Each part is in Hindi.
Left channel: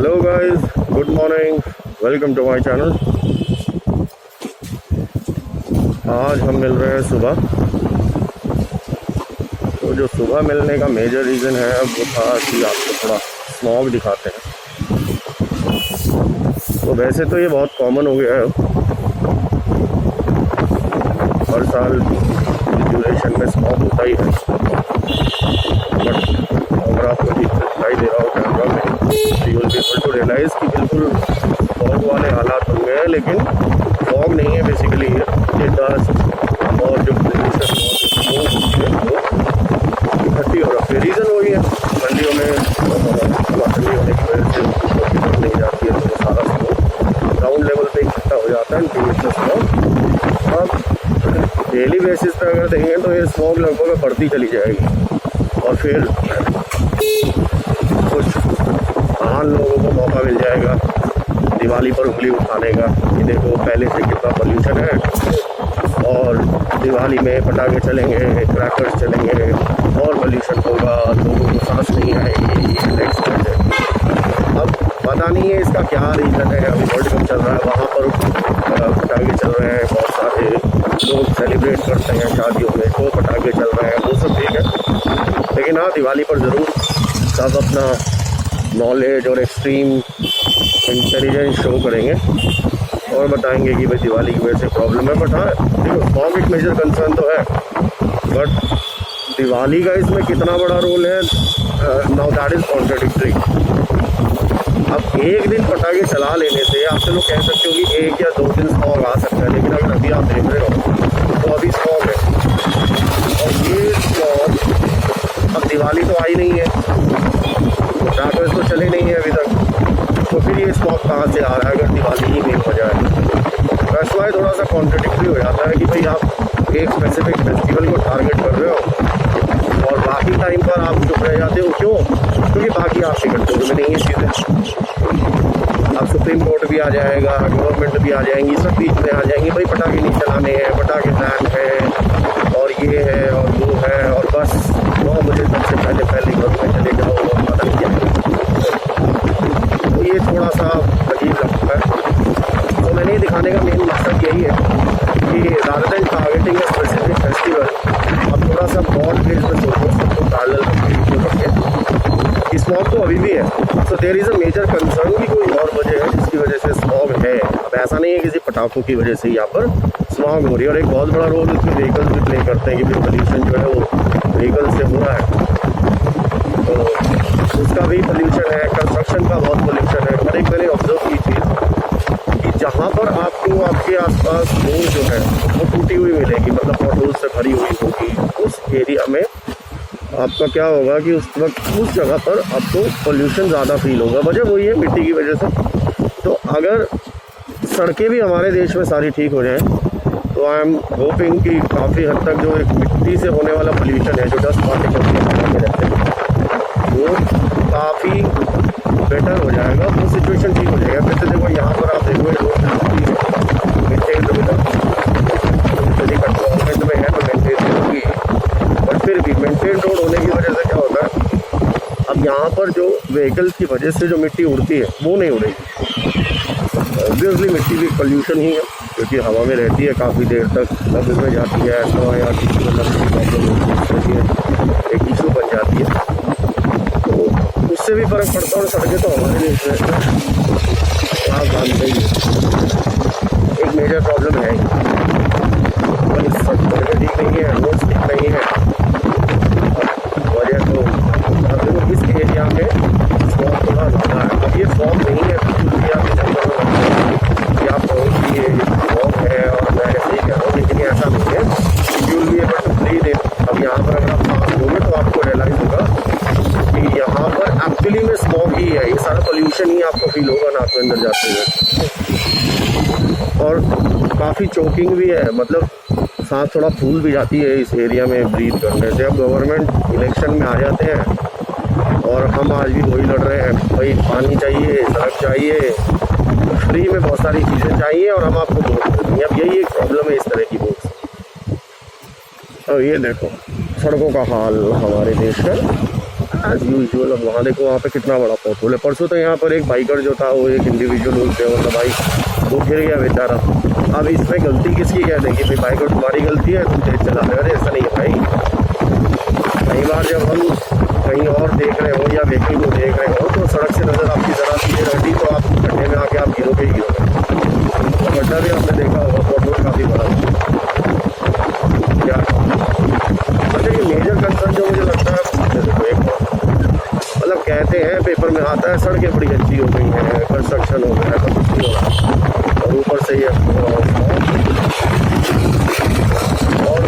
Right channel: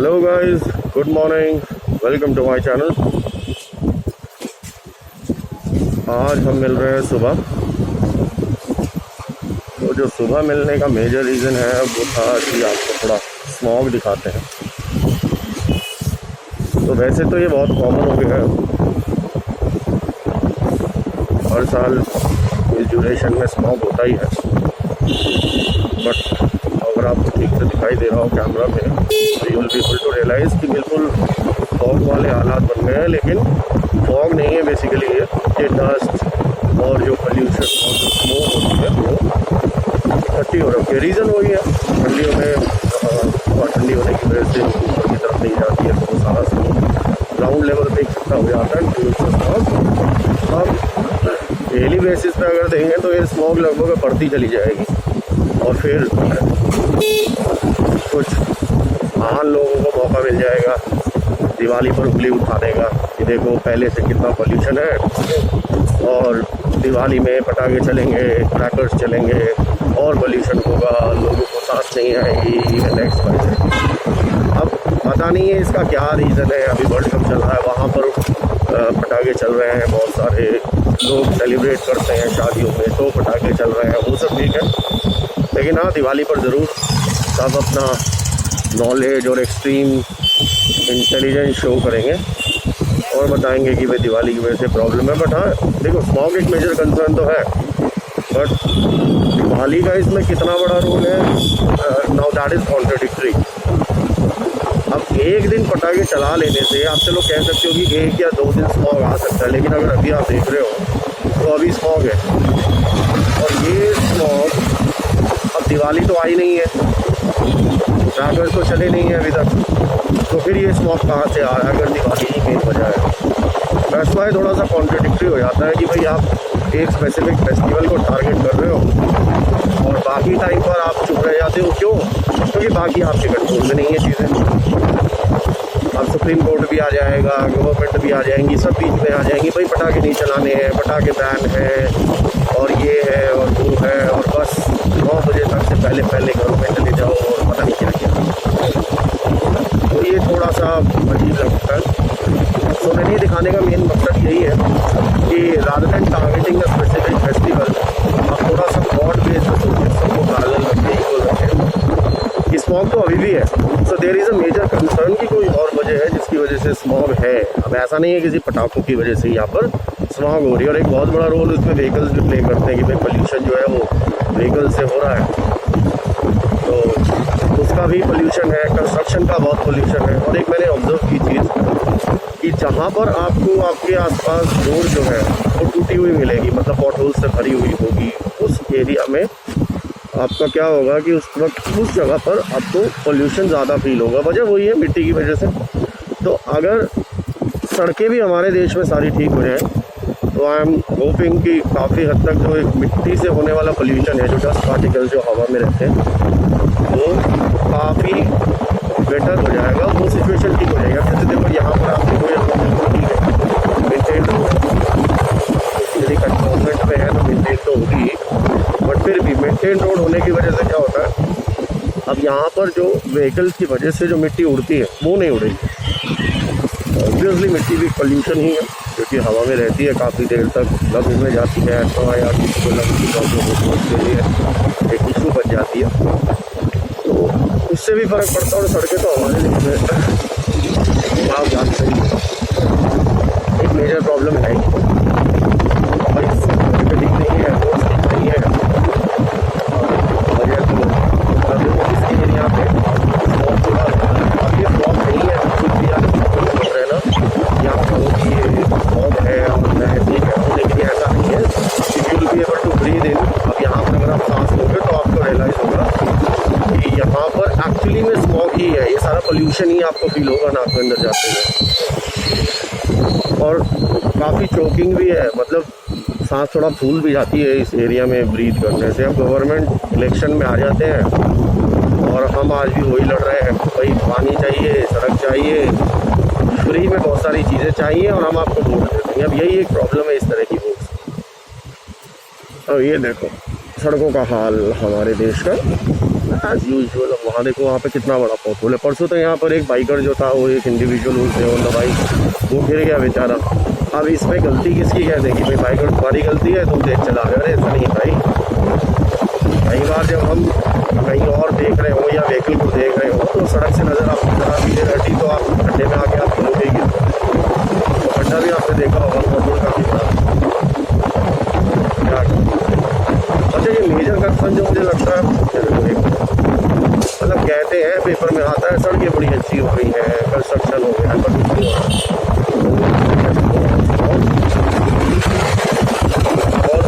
Hello guys, good morning, welcome to my channel. आज हम मिल रहे हैं सुबह। तो जो सुबह मिलने का मेजर रीज़न है वो था कि आपको थोड़ा स्मॉग दिखाते हैं। तो वैसे तो ये बहुत कॉमन हो गया है, हर साल इस ड्यूरेशन में स्मॉग होता ही है। बट अगर आपको ठीक से दिखाई दे रहा हो कैमरा में तो you will be able to realise कि बिल्कुल फॉग वाले हालात बन गए हैं। लेकिन फॉग नहीं है, बेसिकली ये डस्ट और जो पोल्यूशन और जो स्मोक होती है वो इकट्ठी हो रखी है। रीज़न वही है, ठंडियों में हवा ठंडी होने की वजह से ऊपर की तरफ नहीं जाती है, तो वो सारा स्मोक ग्राउंड लेवल पे इकट्ठा हो जाता है ड्यू टू स्मॉग। अब डेली बेसिस पे अगर देखेंगे तो ये स्मॉग लगभग बढ़ती चली जाएगी और फिर कुछ महान लोगों को मौका मिल जाएगा दिवाली पर उंगली उठाने का कि देखो पहले से कितना पोल्यूशन है और दिवाली में पटाखे चलेंगे, क्रैकर्स चलेंगे और पोल्यूशन होगा, लोगों को सांस नहीं आएगी। नेक्स्ट है, अब पता नहीं है इसका क्या रीज़न है। अभी वर्ल्ड कप चल रहा है, वहाँ पर पटाखे चल रहे हैं, बहुत सारे लोग सेलिब्रेट करते हैं शादियों में, तो पटाखे चल रहे हैं, वो सब ठीक है। लेकिन हाँ, दिवाली पर ज़रूर सब अपना नॉलेज और एक्सट्रीम इंटेलिजेंस शो करेंगे और बताएंगे कि भाई दिवाली की वजह से प्रॉब्लम है। बट हाँ देखो, स्मॉग एक मेजर कंसर्न तो है, बट दिवाली का इसमें कितना बड़ा रोल है, नाउ दैट इज़ कॉन्ट्राडिक्टरी। अब एक दिन पटाखे चला लेने से आप चलो कह सकते हो कि 1 या 2 दिन स्मॉग आ सकता है, लेकिन अगर अभी आप देख रहे हो तो अभी स्मॉग है और ये स्मॉग अब दिवाली तो आई नहीं है, क्रैकर्स तो चले नहीं है अभी तक, तो फिर ये स्मॉग कहाँ से आ रहा है अगर दिवाली ही मेन वजह है। दैट्स वाई थोड़ा सा कॉन्ट्रडिक्टरी हो जाता है कि भाई आप एक स्पेसिफिक फेस्टिवल को टारगेट कर रहे हो और बाकी टाइम पर आप चुप रह जाते हो। क्यों? क्योंकि बाकी आपके कंट्रोल में नहीं है चीज़ें। अब सुप्रीम कोर्ट भी आ जाएगा, गवर्नमेंट भी आ जाएंगी, सब बीच में आ जाएंगी, भाई पटाखे नहीं चलाने हैं, पटाखे बैन है और ये है और वो है, और बस 9 बजे तक से पहले घरों में चले जाओ और पता नहीं क्या क्या। तो ये थोड़ा सा अजीब लगता है। तो मैंने दिखाने का मेन मकसद यही है कि rather than targeting a specific festival, अब थोड़ा सा ब्रॉड बेस पे सोचें, सबको पैरेलल रखें, इक्वल रखें। स्मॉग तो अभी भी है, so there is a major concern की कोई और वजह है जिसकी वजह से स्मॉग है। अब ऐसा नहीं है किसी पटाखों की वजह से यहाँ पर स्मॉग हो रही है, और एक बहुत बड़ा रोल उसमें व्हीकल्स भी प्ले करते हैं कि भाई पोल्यूशन जो है वो व्हीकल से हो रहा है, तो उसका भी पोल्यूशन है। कंस्ट्रक्शन का बहुत पोल्यूशन है। और एक मैंने ऑब्जर्व की चीज़ कि जहाँ पर आपको आपके आसपास रोड जो है वो टूटी हुई मिलेगी, मतलब पॉटहोल से भरी हुई होगी, उस एरिया में आपका क्या होगा कि उस वक्त उस जगह पर आपको पोल्यूशन ज़्यादा फील होगा। वजह वही है, मिट्टी की वजह से। तो अगर सड़कें भी हमारे देश में सारी ठीक हो जाएं तो आई एम होपिंग कि काफ़ी हद तक जो एक मिट्टी से होने वाला पोल्यूशन है, जो डस्ट पार्टिकल जो हवा में रहते हैं, वो काफ़ी बेटर हो जाएगा, वो सिचुएशन ठीक हो जाएगा। फिर से देखो यहाँ पर आप देखो, ये रोड बिल्कुल ठीक है, मेनटेन रोड है, यदि कंट्रोलमेंट में है तो मेनटेन तो होगी, बट फिर भी मेंटेन रोड होने की वजह से क्या होता है, अब यहाँ पर जो व्हीकल्स की वजह से जो मिट्टी उड़ती है वो नहीं उड़ेगी। ऑब्वियसली मिट्टी भी पोल्यूशन ही है, क्योंकि हवा में रहती है काफ़ी देर तक, लंग्स में जाती है, ऐसा या किसी को लंग्स की प्रॉब्लम होती है उसके लिए एक इशू बन जाती है, तो उससे भी फ़र्क पड़ता है। और सड़कें तो हमारे लिए आप जानते ही एक मेजर प्रॉब्लम है ही, भाई सब सड़कें ठीक नहीं है, रोड्स ठीक नहीं है, और वजह तो अब इस एरिया में फॉग थोड़ा ज़्यादा है। अब ये फॉग नहीं है बिल्कुल भी, आप चक्कर में लग रहे कि आप कहो कि ये फॉग है और मैं ऐसे ही कह रहा हूँ, लेकिन ये ऐसा नहीं है। You will be able to breathe in. अब यहाँ पर अगर आप सांस लोगे तो आपको रियलाइज़ होगा कि यहाँ पर एक्चुअली में स्मॉग ही है, ये सारा पोल्यूशन ही आपको फील होगा नाक के अंदर जाते हुए, और काफ़ी चोकिंग भी है, मतलब सांस थोड़ा फूल भी जाती है इस एरिया में ब्रीथ करने से। अब गवर्नमेंट इलेक्शन में आ जाते हैं और हम आज भी वही लड़ रहे हैं, भाई पानी चाहिए, सड़क चाहिए, फ्री में बहुत सारी चीज़ें चाहिए और हम आपको वोट दे देंगे। अब यही एक प्रॉब्लम है इस तरह की वोट। अब ये देखो सड़कों का हाल हमारे देश का, एज यूजुअल। अब वहाँ देखो, वहाँ पे कितना बड़ा पोर्टल है। परसों तो यहाँ पर एक बाइकर जो था, वो एक इंडिविजुअल से ऑन द बाइक, वो गिर गया बेचारा। अब इसमें गलती किसकी कह दें कि भाई बाइकर तुम्हारी गलती है, तुम तेज चला रहे हो? अरे ऐसा नहीं है भाई। कई बार जब हम कहीं और देख रहे हो या व्हीकल को देख रहे हो तो सड़क से नज़र आपकी ज़रा सीधे रहती, तो आप गड्ढे में आके आप गिरोगे ही गिरोगे। तो गड्ढा भी आपने देखा होगा, पोर्टल काफ़ी बड़ा। क्या अच्छा, ये मेजर कंसर्न जो मुझे लगता है, देखो एक मतलब कहते हैं पेपर में आता है सड़कें बड़ी अच्छी हो गई हैं, कंस्ट्रक्शन हो गया है, पर कुछ नहीं हो रहा। और ऊपर से ये और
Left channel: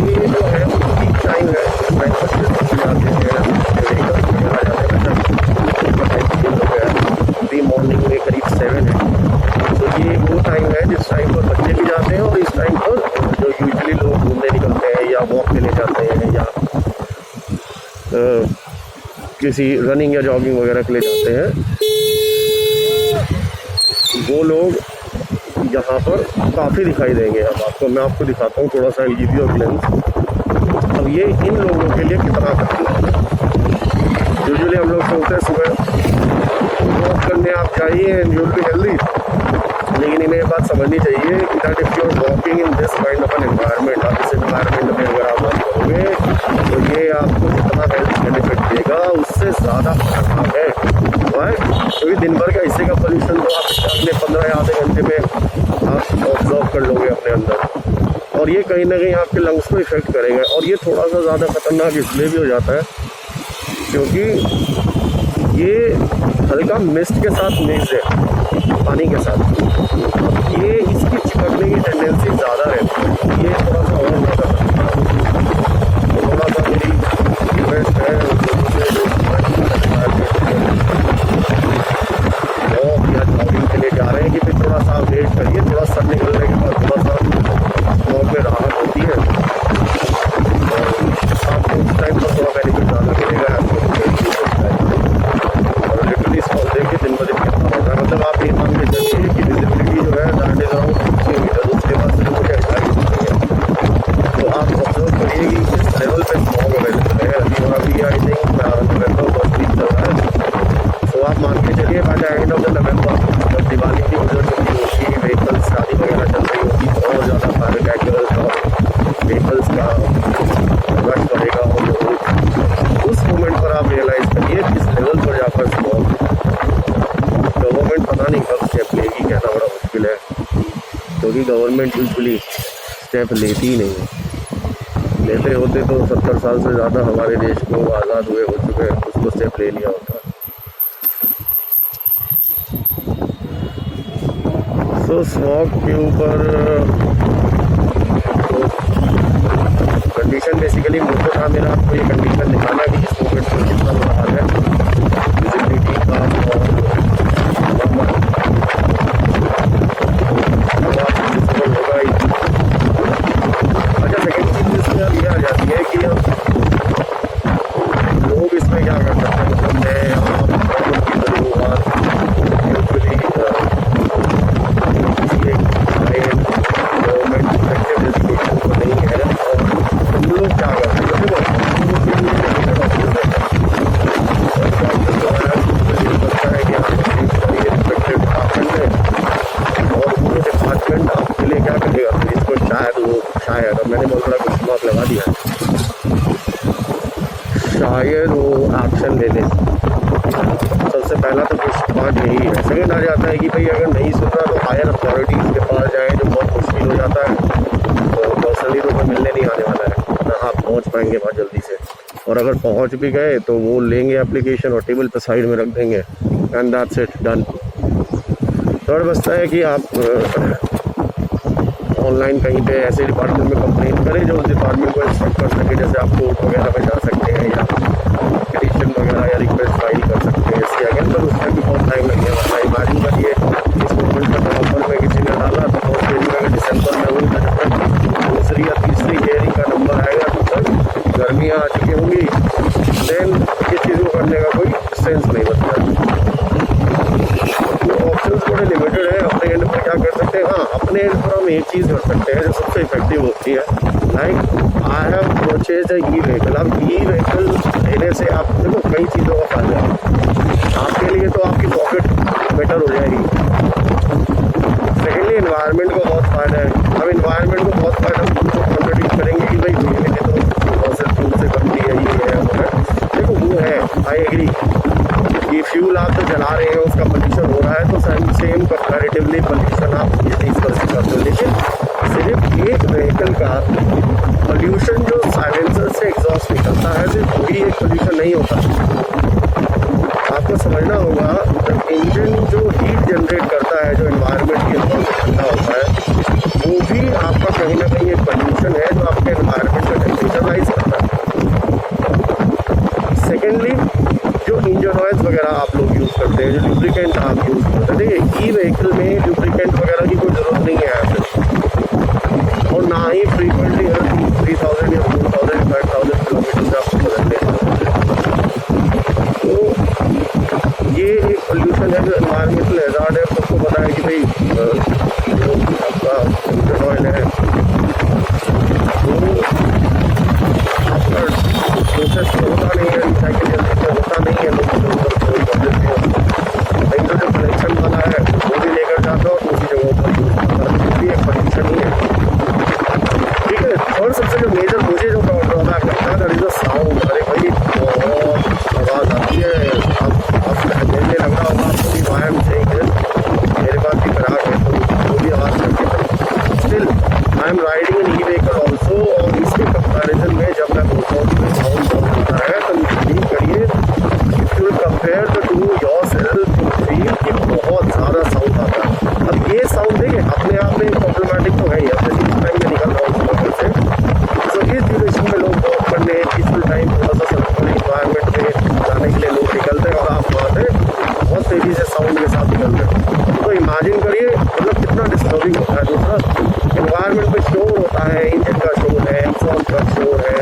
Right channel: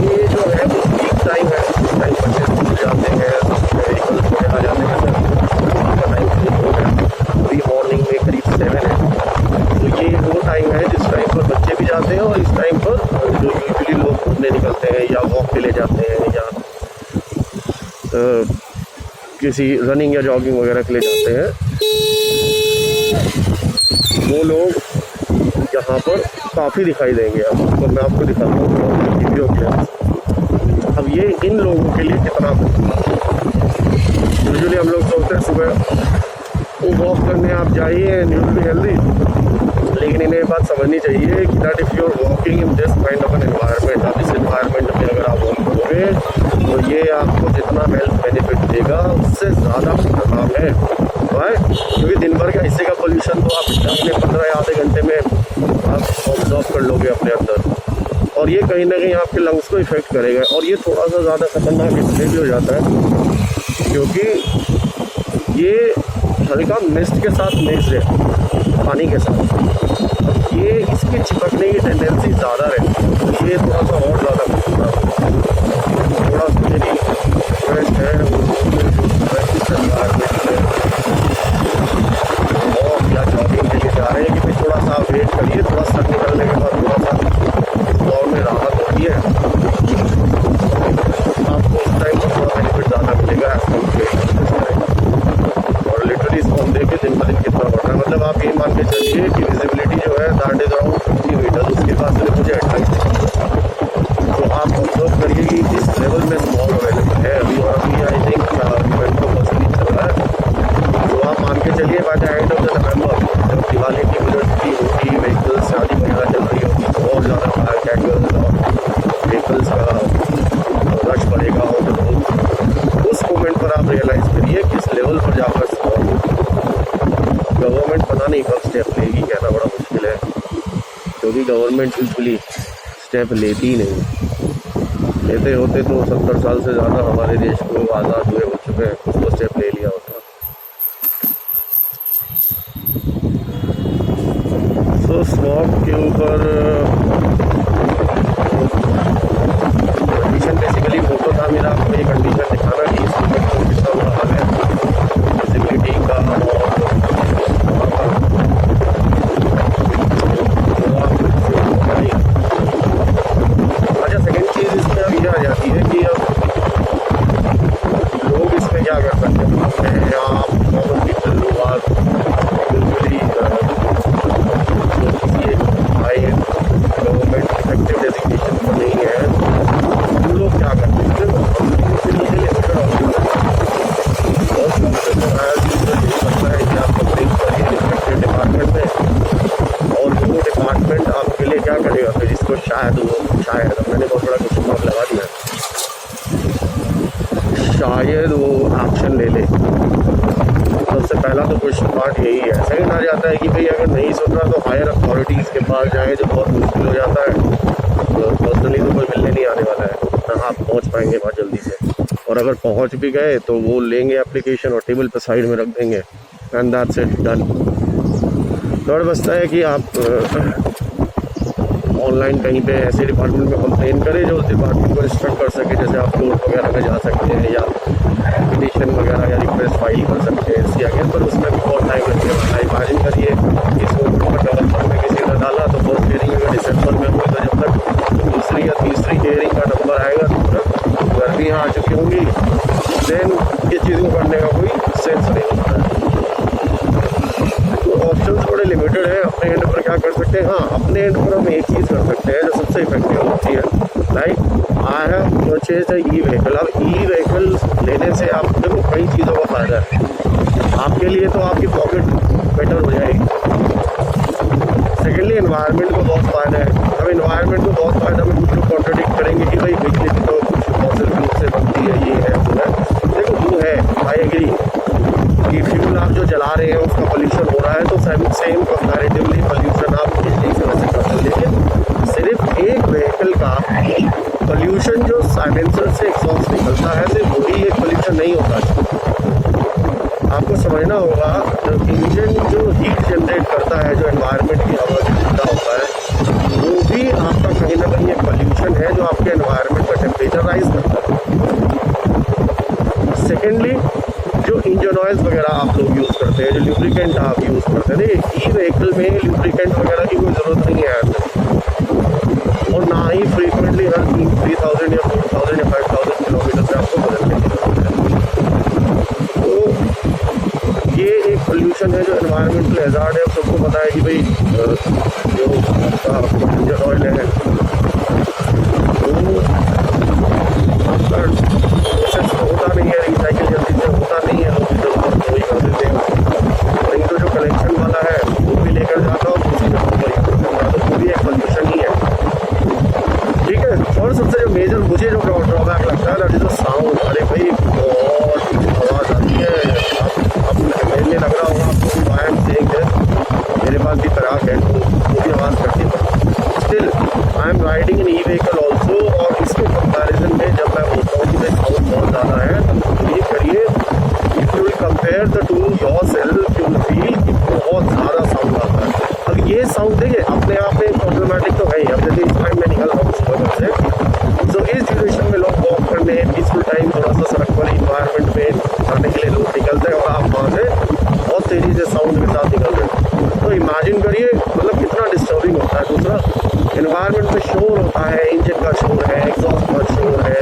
ये जो है वो पीक टाइम है, उस टाइम बच्चे स्कूल जाते हैं, व्हीकल्स वगैरह जाते हैं। उनका टाइम चेंज हो गया, अभी मॉर्निंग में करीब 7 है। तो ये वो टाइम है जिस टाइम पर बच्चे भी जाते हैं, और इस टाइम पर जो यूजुअली लोग घूमने निकलते हैं या वॉक के लिए जाते हैं या किसी रनिंग या जॉगिंग वगैरह के लिए जाते हैं, वो लोग यहाँ पर काफ़ी दिखाई देंगे। अब मैं आपको दिखाता हूँ थोड़ा सा रिव्यू क्लियर्स। अब ये इन लोगों के लिए कितना खतरनाक है। यूजुअली हम लोग सोचते हैं सुबह वॉक करने आप जाइए and you will be healthy, लेकिन इन्हें बात समझनी चाहिए कि that if you are walking in this kind of an environment, आप इस एनवायरनमेंट में अगर आप वॉक करोगे तो ये आपको जितना हेल्थ बेनिफिट देगा उससे ज़्यादा खतरनाक है। वाई? क्योंकि दिन भर का हिस्से का पोल्यूशन तो आप अगले 15 या आधे घंटे में आप ऑब्जर्व कर लोगे अपने अंदर, और ये कहीं ना कहीं आपके लंग्स को इफेक्ट करेगा। और ये थोड़ा सा ज़्यादा खतरनाक इसलिए भी हो जाता है क्योंकि ये हल्का मिस्ट के साथ मिक्स है, पानी के साथ। ये इसकी चिपकने की टेंडेंसी ज़्यादा रहती है, तो ये थोड़ा सा और ज़्यादा खतरनाक है। थोड़ा सा मेरी रिक्वेस्ट है उन लोगों से जो एनवायरमेंट में वॉक या जॉगिंग के लिए जा रहे हैं कि भाई थोड़ा सा वेट करिए, थोड़ा सर निकलने के बाद थोड़ा सा वॉक में राहत होती है, और आपको उस टाइम पर थोड़ा बेनिफिट ज़्यादा मिलेगा उस टाइम। और लिटरली इसको हम देखिए दिन ब दिन कितना बढ़ रहा है। मतलब आप ये मान के चलिए कि विजिबिलिटी जो है दैट इज़ अराउंड 50 मीटर, उसके पास सिर्फ मुझे 28 दिखती है। तो आप ऑब्जर्व करिए कि किस लेवल में स्मॉग अवेलेबल है अभी। और अभी I think November first week चल रहा है, तो आप मान के चलिए by the end of the November जब दिवाली की गुजर चुकी होगी, व्हीकल्स शादी वगैरह चल रही होगी, तो और ज़्यादा फायर क्रैकर्स और व्हीकल्स का रश बढ़ेगा। और उस मोमेंट पर आप रियलाइज़ करिए किस लेवल पर जाकर स्मॉग। गवर्नमेंट पता नहीं कब स्टेप लेगी, कहना बड़ा मुश्किल है, क्योंकि गवर्नमेंट यूजुअली स्टेप लेती ही नहीं है। लेते होते तो 70 साल से ज़्यादा हमारे देश को आज़ाद हुए हो चुके हैं, उसको स्टेप ले लिया होता। तो स्मॉग के ऊपर तो कंडीशन बेसिकली मोटो था मेरा आपको ये कंडीशन दिखाना कि इस मूवमेंट में कितना बुरा हाल है विजिबिलिटी का। और होगा ही। अच्छा, सेकेंड चीज़ इसमें अब यह आ जाती है कि अब लोग इसमें क्या कर सकते हैं। मतलब मैं आप प्रॉब्लम की शुरुआत यूजुअली जो किसी एक high and government effective designation को नहीं है, और हम लोग क्या करते हैं, देखो हम लोगों के लिए लिमिटेड ऑप्शन है। फर्स्ट ऑप्शन तो है यूजुअली करता है कि आप अपनी करिए रिस्पेक्टिव डिपार्टमेंट में, और वो डिपार्टमेंट आपके लिए क्या करेगा फिर इसको शायद अब मैंने बहुत बड़ा क्वेश्चन मार्क लगा दिया है, शायद वो एक्शन ले ले। सबसे पहला तो क्वेश्चन पार्ट यही है। सेकंड आ जाता है कि भाई अगर नहीं सुन रहा तो हायर अथॉरिटीज़ के पास जाएँ, जो बहुत मुश्किल हो जाता है। तो पर्सनली तो कोई मिलने नहीं आने वाला है ना, आप पहुंच पाएंगे बहुत जल्दी से, और अगर पहुंच भी गए तो वो लेंगे एप्लीकेशन और टेबल पर साइड में रख देंगे and that's it, done. Third बचता है कि आप ऑनलाइन कहीं पे ऐसे डिपार्टमेंट में कंप्लेन करें जो उस डिपार्टमेंट को इंस्ट्रक्ट कर सके, जैसे आप कोर्ट वगैरह में जा सकते हैं या पिटीशन वगैरह या रिक्वेस्ट फाइल कर सकते हैं इसके अगेंस्ट, पर उसमें भी बहुत टाइम लगने वाला है। इमेजिन करिए इस मूवमेंट पर नवंबर में किसी ने डाला तो फर्स्ट हियरिंग अगर दिसंबर में हुई, तो जब तक दूसरी या तीसरी हियरिंग का नंबर आएगा तब तक गर्मियाँ आ चुकी होंगी। देन इस चीज़ को करने का कोई सेंस नहीं बनता है। तो ऑप्शंस बड़े लिमिटेड है। अपने एंड पर क्या कर सकते हैं, हाँ अपने एंड पर हम एक चीज़ कर सकते हैं जो सबसे इफेक्टिव होती है, like I have purchase e vehicle. अब ई व्हीकल लेने से आप देखो कई चीज़ों का फ़ायदा है। आपके लिए तो आपकी पॉकेट बेटर हो जाएगी। सेकेंडली एनवायरनमेंट को बहुत फ़ायदा है। अब एनवायरनमेंट को बहुत फ़ायदा हम कुछ कॉन्ट्रडिक्ट करेंगे कि भाई बिजली भी तो फॉसिल फ्यूल से बनती है, ये है वो है। देखो वो है, आई एग्री कि फ्यूल आप जो जला रहे हैं उसका पोल्यूशन हो रहा है, तो सेम कंपैरेटिवली पोल्यूशन आप बिजली से वैसे करते हो। लेकिन सिर्फ एक व्हीकल का पोल्यूशन जो साइलेंसर से एग्जॉस्ट निकलता है, सिर्फ वही एक पोल्यूशन नहीं होता है। आपको समझना होगा इंजन जो हीट जनरेट करता है, जो एनवायरनमेंट की हवा से ठंडा होता है, वो भी आपका कहीं ना कहीं एक पोल्यूशन है जो आपके एनवायरनमेंट का टेम्परेचर राइज करता है। सेकेंडली जो इंजन ऑयल्स वगैरह आप लोग यूज़ करते हैं, जो ल्यूब्रिकेंट आप यूज़ करते हैं, देखिए ई व्हीकल में ल्यूब्रिकेंट वगैरह की कोई ज़रूरत नहीं है आपको, और ना ही फ्रीक्वेंटली हर 3000 या 4000 या 5000 किलोमीटर से आपको बदलने की ज़रूरत है। तो ये एक पोल्यूशन है जो एनवायरमेंटल हैज़ार्ड है। सबको पता है कि भाई जो आपका इंजन ऑयल है वो आपका प्रोसेस तो होता नहीं है, रिसाइकिल जल्दी से होता नहीं है, लोग इधर उधर थोड़ी कर देते हैं उसको। लेकिन तो जो कलेक्शन वाला है वो भी लेकर जाता है और दूसरी जगहों पर यूज़ करता है, तो वो भी एक पोल्यूशन ही है। ठीक है। और सबसे जो मेजर मुझे जो ड्रॉबैक लगता है दैट इज़ द साउंड। अरे भाई बहुत आवाज़ आती है। अब मेरे लग रहा होगा आपको कि वाई एम सेइंग दिस, मेरे पास भी पराग है तो वो भी आवाज़ करती है। Still I am riding an e vehicle also, और इसके कंपैरिजन में जब मैं बोलता हूँ कि भाई साउंड बहुत ज़्यादा है, तो बिलीव करिए if you will compare the two your self you feel कि बहुत ज़्यादा साउंड आता है। अब ये साउंड देखिए अपने आप में प्रॉब्लमेटिक तो है ही। अब जैसे इस टाइम में निकल रहा हूँ सुबह से, तो इस ड्यूरेशन में लोग वॉक करने, पीसफुल टाइम, थोड़ा सा सड़क वाली इन्वायरमेंट में जाने के लिए लोग निकलते हैं, और आप वहाँ से बहुत तेज़ी से साउंड के साथ निकल रहे हैं। तो इमेजिन करिए मतलब कितना डिस्टर्बिंग होता है। दूसरा एनवायरनमेंट में शोर होता है, इंजन का शोर है, एग्जॉस्ट का शोर है,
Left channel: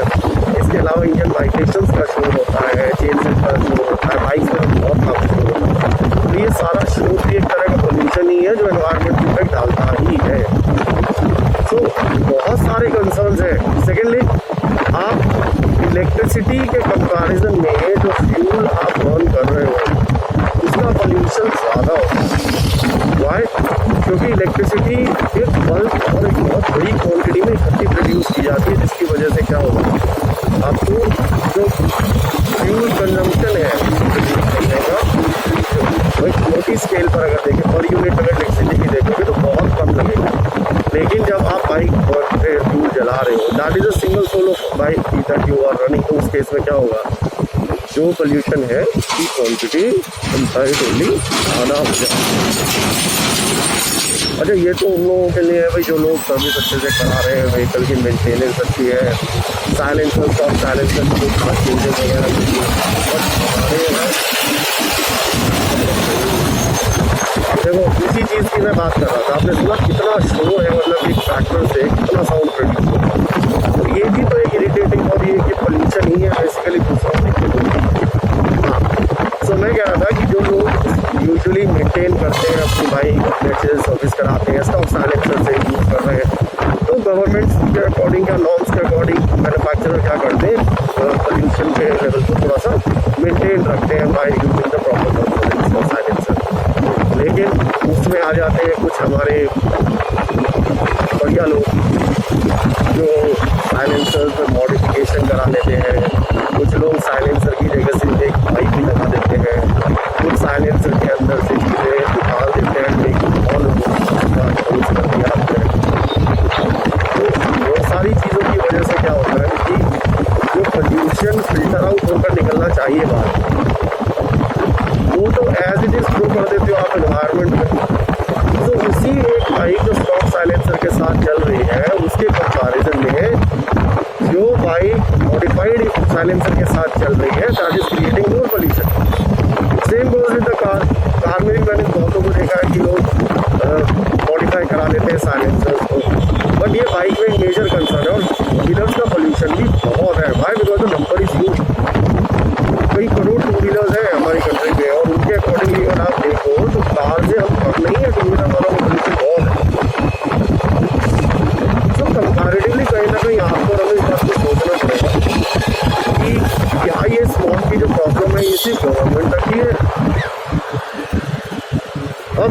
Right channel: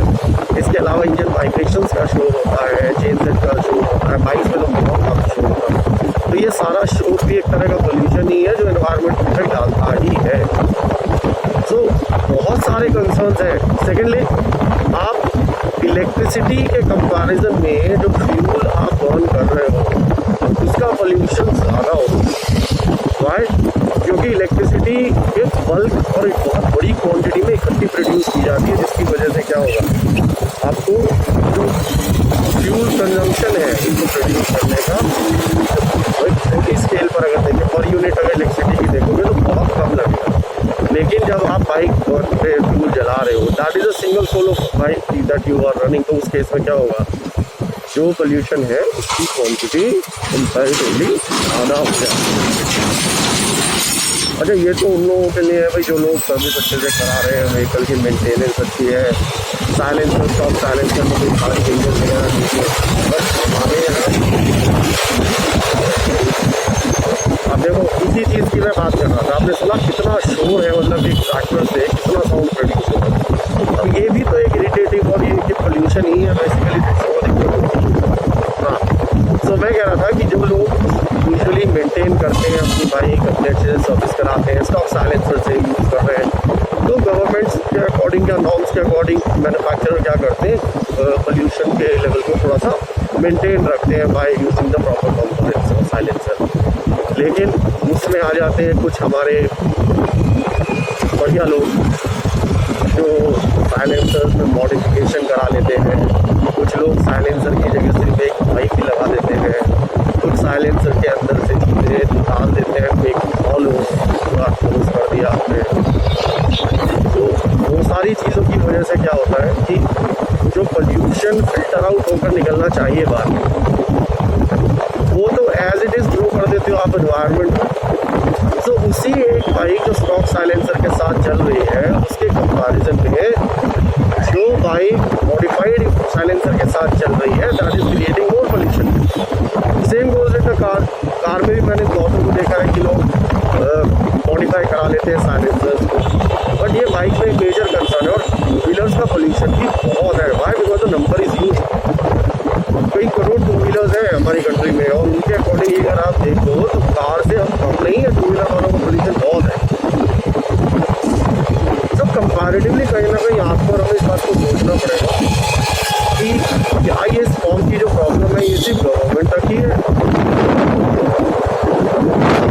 इसके अलावा इंजन वाइब्रेशंस का शोर होता है, चेन सेट का शोर होता है, बाइक्स में तो बहुत काफ़ी शोर होता है। तो ये सारा शोर भी एक तरह का पोल्यूशन ही है जो एनवायरनमेंट में इफेक्ट डालता ही है। सो बहुत सारे कंसर्न्स हैं। सेकेंडली आप इलेक्ट्रिसिटी के कंपैरिजन में जो फ्यूल आप बर्न कर रहे हो उसका पोल्यूशन ज़्यादा होता है। वाई? क्योंकि इलेक्ट्रिसिटी एक बल्क और एक बहुत बड़ी क्वांटिटी में इकट्ठी प्रोड्यूस की जाती है, जिसकी वजह से क्या होगा, आपको जो फ्यूल कंजम्पशन है उसको प्रोड्यूस करने का वो एक छोटी स्केल पर अगर देखें, पर यूनिट अगर इलेक्ट्रिसिटी की देखोगे तो बहुत कम लगेगा। लेकिन जब आप बाइक पे फ्यूल जला रहे हो, that is a single sole of bike that you are running, तो उस केस में क्या होगा, जो पोल्यूशन है उसकी क्वांटिटी कंपैरेटिवली ज़्यादा हो जाए। अच्छा, ये तो उन लोगों के लिए है भाई जो लोग सर्विस अच्छे से करा रहे हैं, व्हीकल की मेंटेनेंस अच्छी है, साइलेंसर स्टॉप साइलेंसर में कोई खास चेंजेस वगैरह नहीं है। बट हमारे यहाँ अब देखो इसी चीज़ की मैं बात कर रहा था, आपने सुना कितना शोर है, मतलब एक ट्रैक्टर से कितना साउंड प्रोड्यूस हो रहा है। अब ये भी तो एक इरिटेटिंग और ये कि पोल्यूशन ही है बेसिकली, दूसरों को दिक्कत होती है। हाँ, तो मैं कह रहा था कि जो लोग यूजुअली मेंटेन करते हैं अपनी बाइक, अपने अच्छे से सर्विस कराते हैं, स्टॉक साइलेंसर से यूज़ कर रहे हैं, तो गवर्नमेंट्स के अकॉर्डिंग या नॉर्म्स के अकॉर्डिंग मैन्युफैक्चरर क्या करते हैं, पोल्यूशन के लेवल को थोड़ा सा मेंटेन रखते हैं by using the proper components और साइलेंसर। लेकिन उसमें आ जाते हैं कुछ हमारे बढ़िया लोग जो साइलेंसर्स में मॉडिफिकेशन करा लेते हैं। कुछ लोग साइलेंसर की जगह सिर्फ एक पाइप भी लगा देते हैं, कुछ साइलेंसर के अंदर से चीज़ें निकाल देते हैं, मेक ऑल यूज़ कर दिया आपने। तो वो सारी चीज़ों की वजह से क्या होता है कि जो पोल्यूशन फिल्टर आउट होकर निकलना चाहिए बाहर, वो तो एज इट इज़ थ्रो कर देते हो आप एनवायरनमेंट में। तो उसी एक बाइक जो स्टॉक साइलेंसर के साथ चल रही है उसके कंपैरिजन में जो बाइक मॉडिफाइड साइलेंसर के साथ चल रही है that is creating more pollution. Same goes with the car में भी मैंने बहुतों को देखा है कि लोग मॉडिफाई करा लेते हैं साइलेंसर्स को, बट ये बाइक में एक मेजर कंसर्न है। और टू व्हीलर्स का पोल्यूशन भी बहुत है। Why? Because the number is huge. कई करोड़ टू व्हीलर्स हैं हमारी कंट्री में, और उनके अकॉर्डिंगली अगर आप देखो तो कार से हम कम नहीं है, टू व्हीलर वालों का पोल्यूशन बहुत है। तो कंपैरेटिवली कहीं ना कहीं आपको और हमें इस बात को सोचना पड़ेगा कि क्या ये स्मॉग की जो प्रॉब्लम है ये सिर्फ गवर्नमेंट तक ही है। अब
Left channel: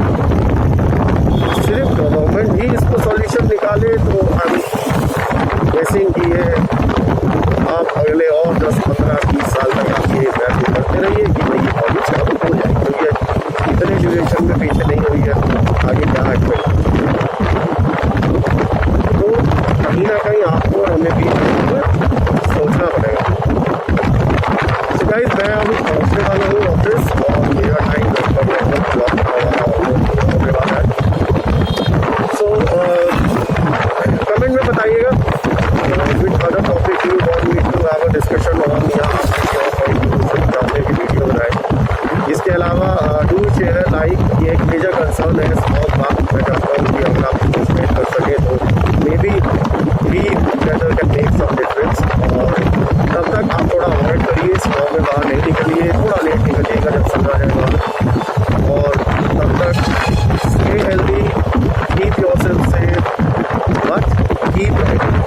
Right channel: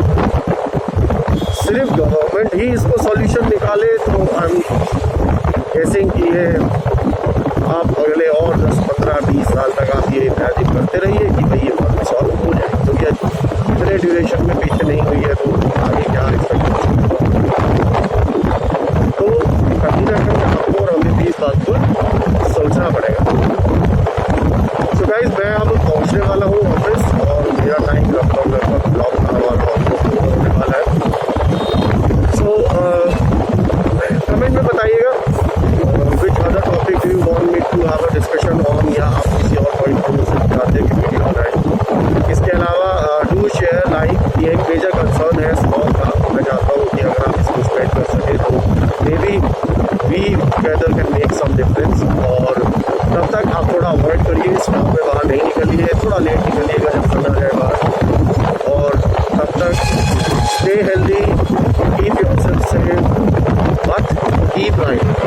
सिर्फ गवर्नमेंट ही इसको सॉल्यूशन निकाले तो आई एम गेसिंग कि ये आप अगले और 10, 15, 20 साल तक आप ये इमेजिन करते रहिए कि भाई ये प्रॉब्लम सॉल्व हो जाए, क्योंकि इतने ड्यूरेशन में पीछे नहीं हुई है तो आगे क्या एक्सपेक्ट कर सकते हैं। तो कहीं ना कहीं आपको और हमें भी इस बात को सोचना पड़ेगा। सो गाइस, मैं अब पहुंचने वाला हूँ ऑफिस और मेरा टाइम लगभग ब्लॉक का हमारा ऑलमोस्ट होने वाला है। सो कमेंट में बताइएगा which other topic you want me to have a discussion on, या आप किसी और पॉइंट को चाहते हैं कि वीडियो बनाएं। इसके अलावा डू शेयर लाइक, ये एक मेजर कंसर्न है स्मॉग का। मैं चाहता हूँ कि अगर आप इसको स्प्रेड कर सकें तो maybe we together can make some difference. और तब तक आप थोड़ा अवॉइड करिए, स्मॉग में बाहर नहीं निकलिए, थोड़ा लेट निकलिएगा जब सन आ जाए बाहर। और तब तक stay healthy, keep yourself safe, but keep riding.